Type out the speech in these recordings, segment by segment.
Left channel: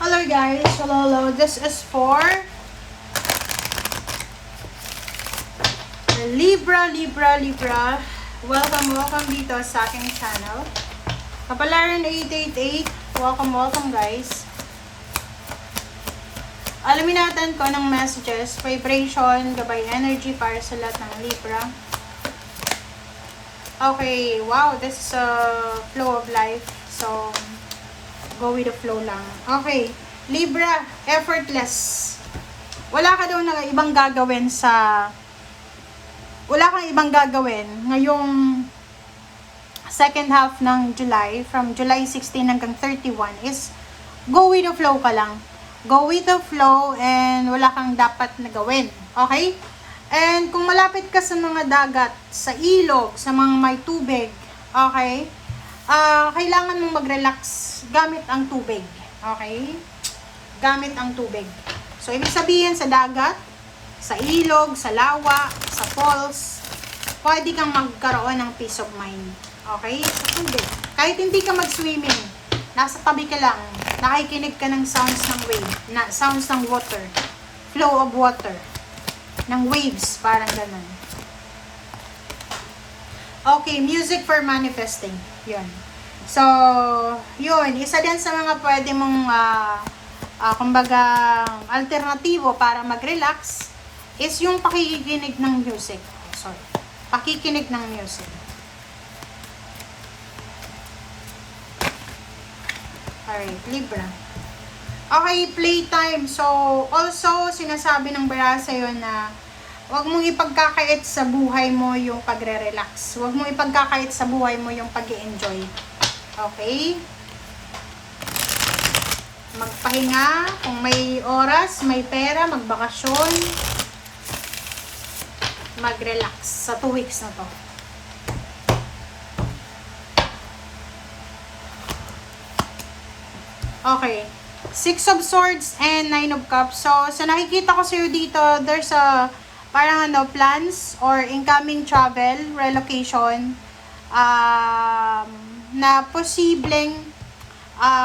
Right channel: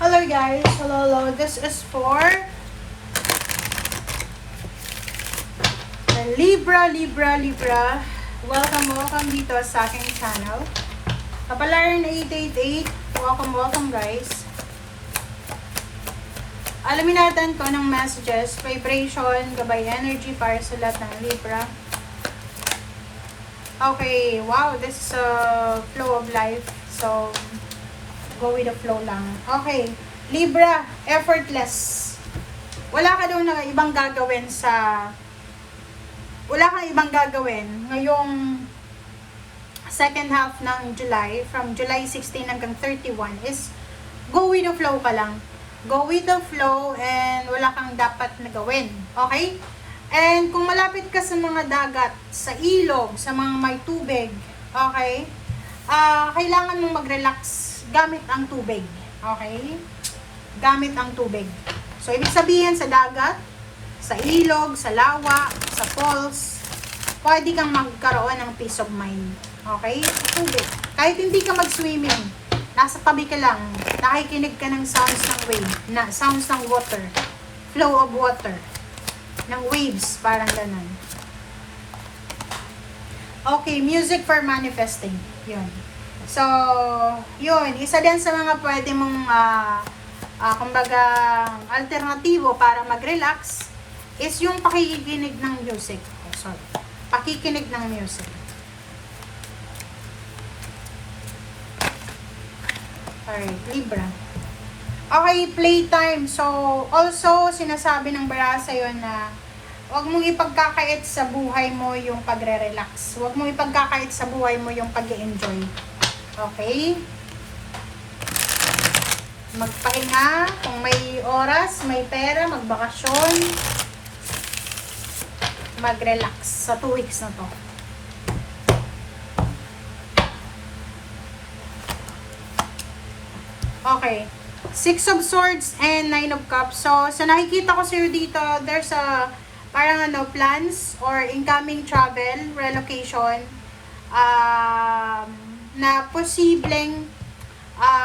Hello guys, hello. This is for Libra. Welcome dito sa aking channel. Kapalaran 888, welcome guys. Alamin natin ko ng messages, vibration, gabay energy para sa lahat ng Libra. Okay, wow, this is a flow of life. So, go with the flow lang. Okay, Libra, effortless. Wala ka daw na ibang gagawin wala kang ibang gagawin ngayong second half ng July, from July 16 hanggang 31 is go with the flow ka lang. Go with the flow and wala kang dapat na gawin. Okay? And kung malapit ka sa mga dagat, sa ilog, sa mga may tubig, okay? Kailangan mong mag-relax gamit ang tubig. Okay? Gamit ang tubig. So, ibig sabihin sa dagat, sa ilog, sa lawa, sa falls, pwede kang magkaroon ng peace of mind. Okay? Sa tubig. Kahit hindi ka mag-swimming, nasa tabi ka lang, nakikinig ka ng sounds ng wave, sounds ng water, flow of water, ng waves, parang ganun. Okay, music for manifesting. Yun. So, yun. Isa din sa mga pwede mong, kumbaga, alternatibo para mag-relax is yung pakikinig ng music. Oh, sorry. Pakikinig ng music. Alright, Libra. Okay, playtime. So, also, sinasabi ng bara sa'yo na huwag mong ipagkakait sa buhay mo yung pagre-relax. Huwag mong ipagkakait sa buhay mo yung pag-e-enjoy. Okay? Magpahinga. Kung may oras, may pera, magbakasyon. Mag-relax sa 2 weeks na to. Okay. 6 of Swords and 9 of Cups. So, sa nakikita ko sa'yo dito, there's a parang plans or incoming travel, relocation, na posibleng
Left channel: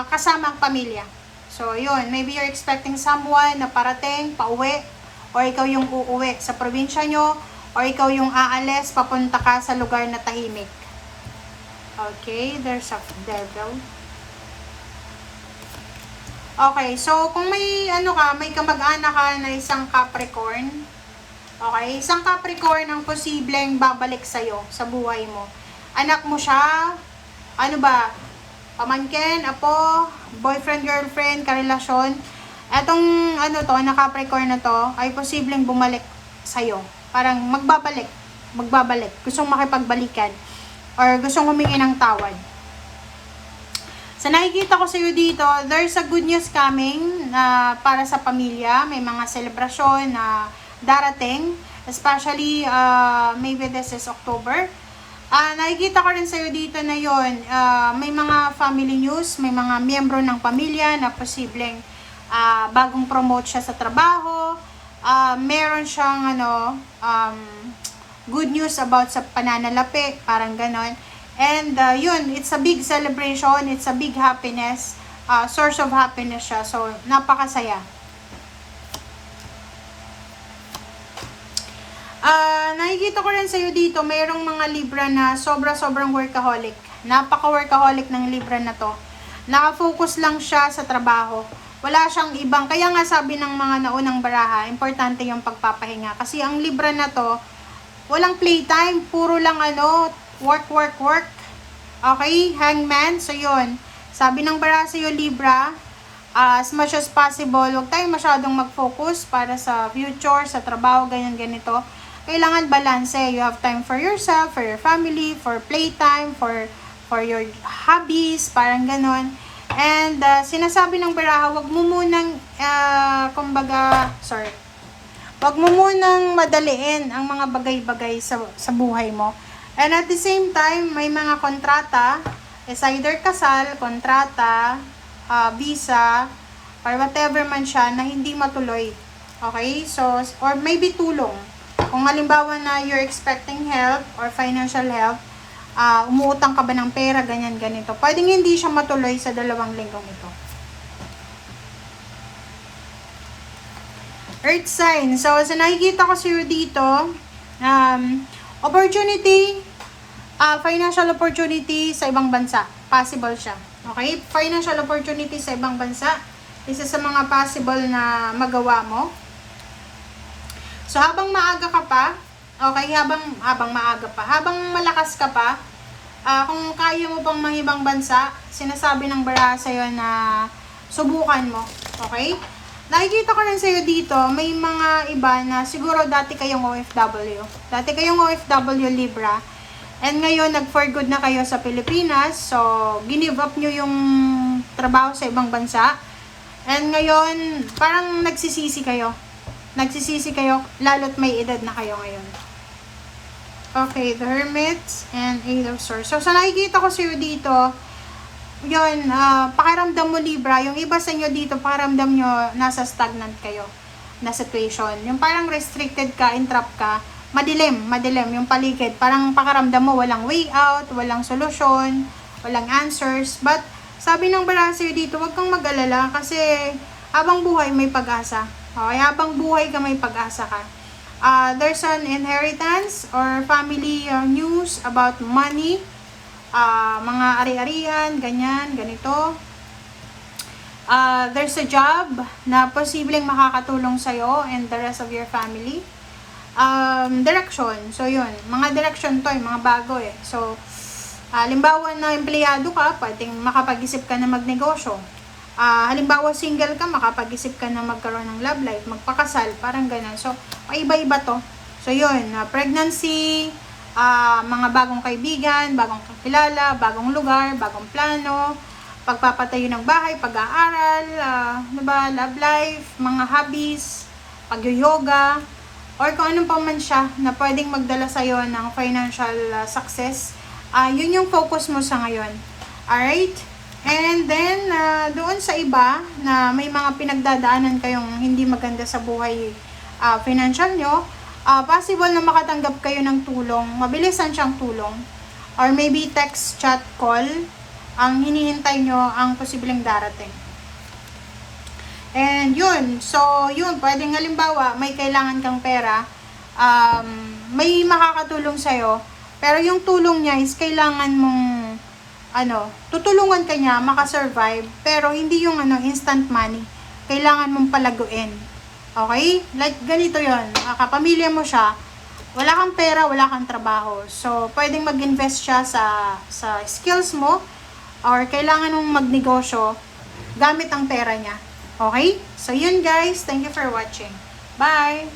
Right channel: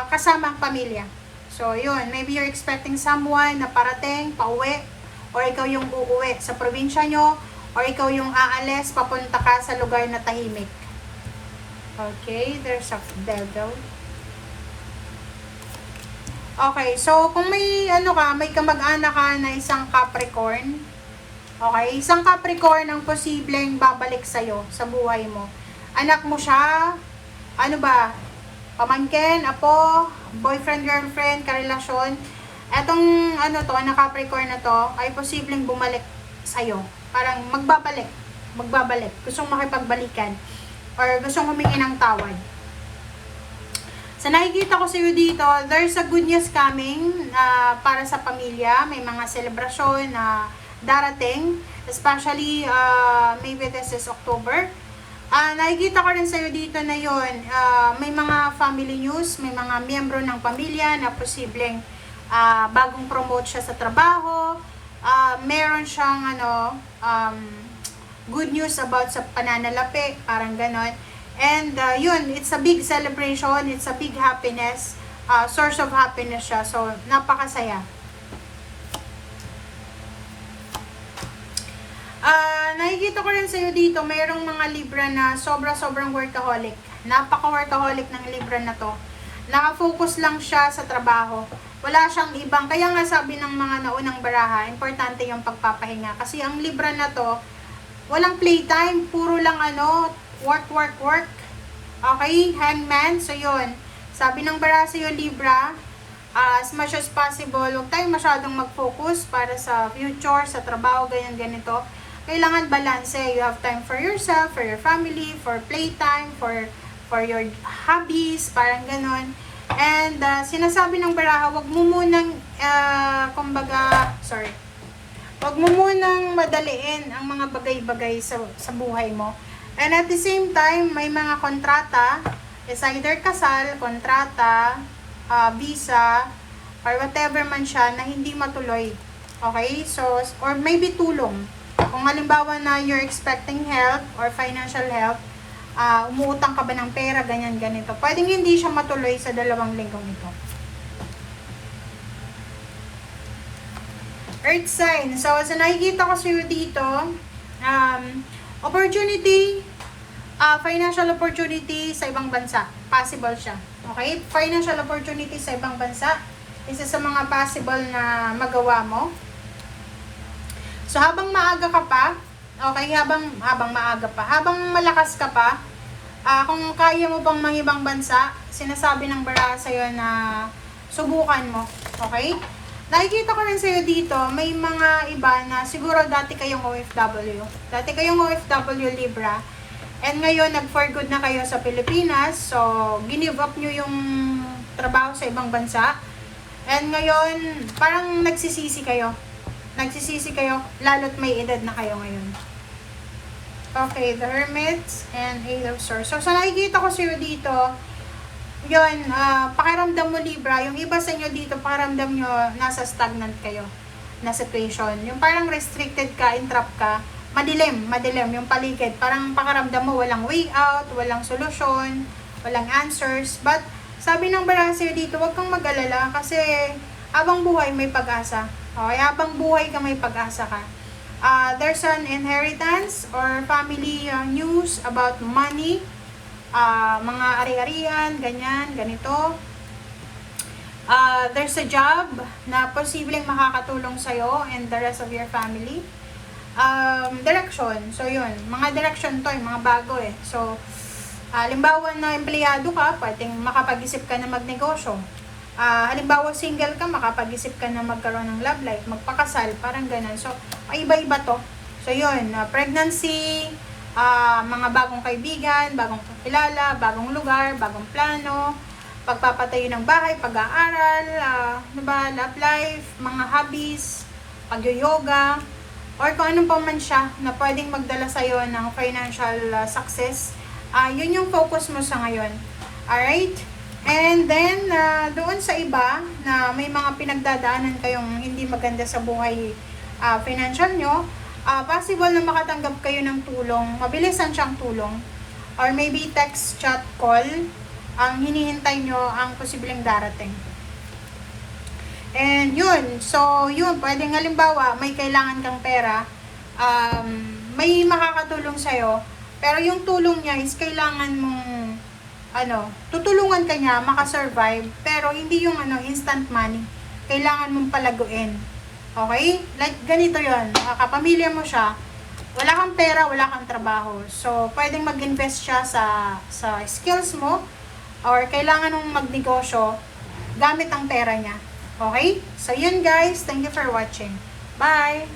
kasama ang pamilya. So, yun. Maybe you're expecting someone na parating, pauwi, or ikaw yung uuwi sa probinsya nyo, or ikaw yung aalis, papunta ka sa lugar na tahimik. Okay, there's a devil. Okay, so kung may may kamag-anak ka na isang Capricorn, okay, isang Capricorn ang posibleng babalik sa'yo sa buhay mo. Anak mo siya, pamangkin, apo, boyfriend, girlfriend, karelasyon. Etong na Capricorn na to ay posibleng bumalik sa'yo. Parang magbabalik. Gustong makipagbalikan or gustong humingi ng tawad. Sa nakikita ko sa iyo dito, there's a good news coming para sa pamilya. May mga selebrasyon na darating, especially maybe this is October. Nakikita ko rin sa iyo dito na yon, may mga family news, may mga miyembro ng pamilya na posibleng bagong promote siya sa trabaho. Meron siyang good news about sa pananalapi, parang ganon. And yun, it's a big celebration, it's a big happiness, source of happiness siya. So, napakasaya. Nakikita ko rin sa'yo dito, mayroong mga Libra na sobrang workaholic. Napaka-workaholic ng Libra na to. Naka-focus lang siya sa trabaho. Wala siyang ibang, kaya nga sabi ng mga naunang baraha, importante yung pagpapahinga. Kasi ang Libra na to, walang playtime, puro lang work. Okay, Hangman. So, yun. Sabi ng bara sa'yo, Libra, as much as possible, huwag tayong masyadong mag-focus para sa future, sa trabaho, ganito. Kailangan balance. You have time for yourself, for your family, for playtime, for your hobbies, parang ganon. And, sinasabi ng baraha, huwag mo munang, huwag mo munang madaliin ang mga bagay-bagay sa buhay mo. And at the same time, may mga kontrata, is either kasal, kontrata, visa, or whatever man siya na hindi matuloy. Okay? So, or maybe tulong. Kung halimbawa na you're expecting help or financial help, umuutang ka ba ng pera, ganito. Pwedeng hindi siya matuloy sa 2 linggong ito. Earth sign. So, sa nakikita ko sa'yo dito, opportunity, financial opportunity sa ibang bansa. Possible siya. Okay? Financial opportunity sa ibang bansa. Isa sa mga possible na magawa mo. So, habang maaga ka pa, okay, habang maaga pa, habang malakas ka pa, kung kaya mo pang mangibang bansa, sinasabi ng baraha sa'yo na subukan mo. Okay? Nakikita ko lang sa'yo dito, may mga iba na siguro dati kayong OFW. Dati kayong OFW Libra. And ngayon, nag-for good na kayo sa Pilipinas. So, ginive up nyo yung trabaho sa ibang bansa. And ngayon, parang nagsisisi kayo. Nagsisisi kayo, lalo't may edad na kayo ngayon. Okay, the Hermit and Eight of Swords. So, sa nakikita ko sa'yo dito, yun, pakiramdam mo Libra, yung iba sa inyo dito, pakiramdam nyo nasa stagnant kayo na situation. Yung parang restricted ka, entrap ka, madilim yung paligid. Parang pakiramdam mo walang way out, walang solusyon, walang answers. But, sabi ng baraha sa'yo dito, huwag kang mag-alala kasi habang buhay may pag-asa. Okay, habang buhay ka may pag-asa ka. There's an inheritance or family news about money. Mga ari-arian, ganyan, ganito. There's a job na posibleng makakatulong sa'yo and the rest of your family. Direction. So, yun. Mga direction to, mga bago eh. So, halimbawa na empleyado ka, pwedeng makapag-isip ka na magnegosyo. Halimbawa single ka, makapag-isip ka na magkaroon ng love life, magpakasal, parang ganun. So, iba-iba to. So, yun. Pregnancy, mga bagong kaibigan, bagong kakilala, bagong lugar, bagong plano, pagpapatayo ng bahay, pag-aaral, love life, mga hobbies, pag-yoga, or kung anong pa man siya na pwedeng magdala sa'yo ng financial success, yun yung focus mo sa ngayon. Alright? And then, doon sa iba na may mga pinagdadaanan kayong hindi maganda sa buhay financial nyo, possible na makatanggap kayo ng tulong, mabilisan siyang tulong, or maybe text, chat, call, ang hinihintay nyo ang posibleng darating. And yun, so yun, pwedeng halimbawa, may kailangan kang pera, may makakatulong sa'yo, pero yung tulong niya is kailangan mong, tutulungan ka niya, makasurvive, pero hindi yung instant money, kailangan mong palaguin. Okay? Like, ganito yon. Kapamilya mo siya, wala kang pera, wala kang trabaho. So, pwedeng mag-invest siya sa skills mo, or kailangan mong magnegosyo gamit ang pera niya. Okay? So, yun guys. Thank you for watching. Bye!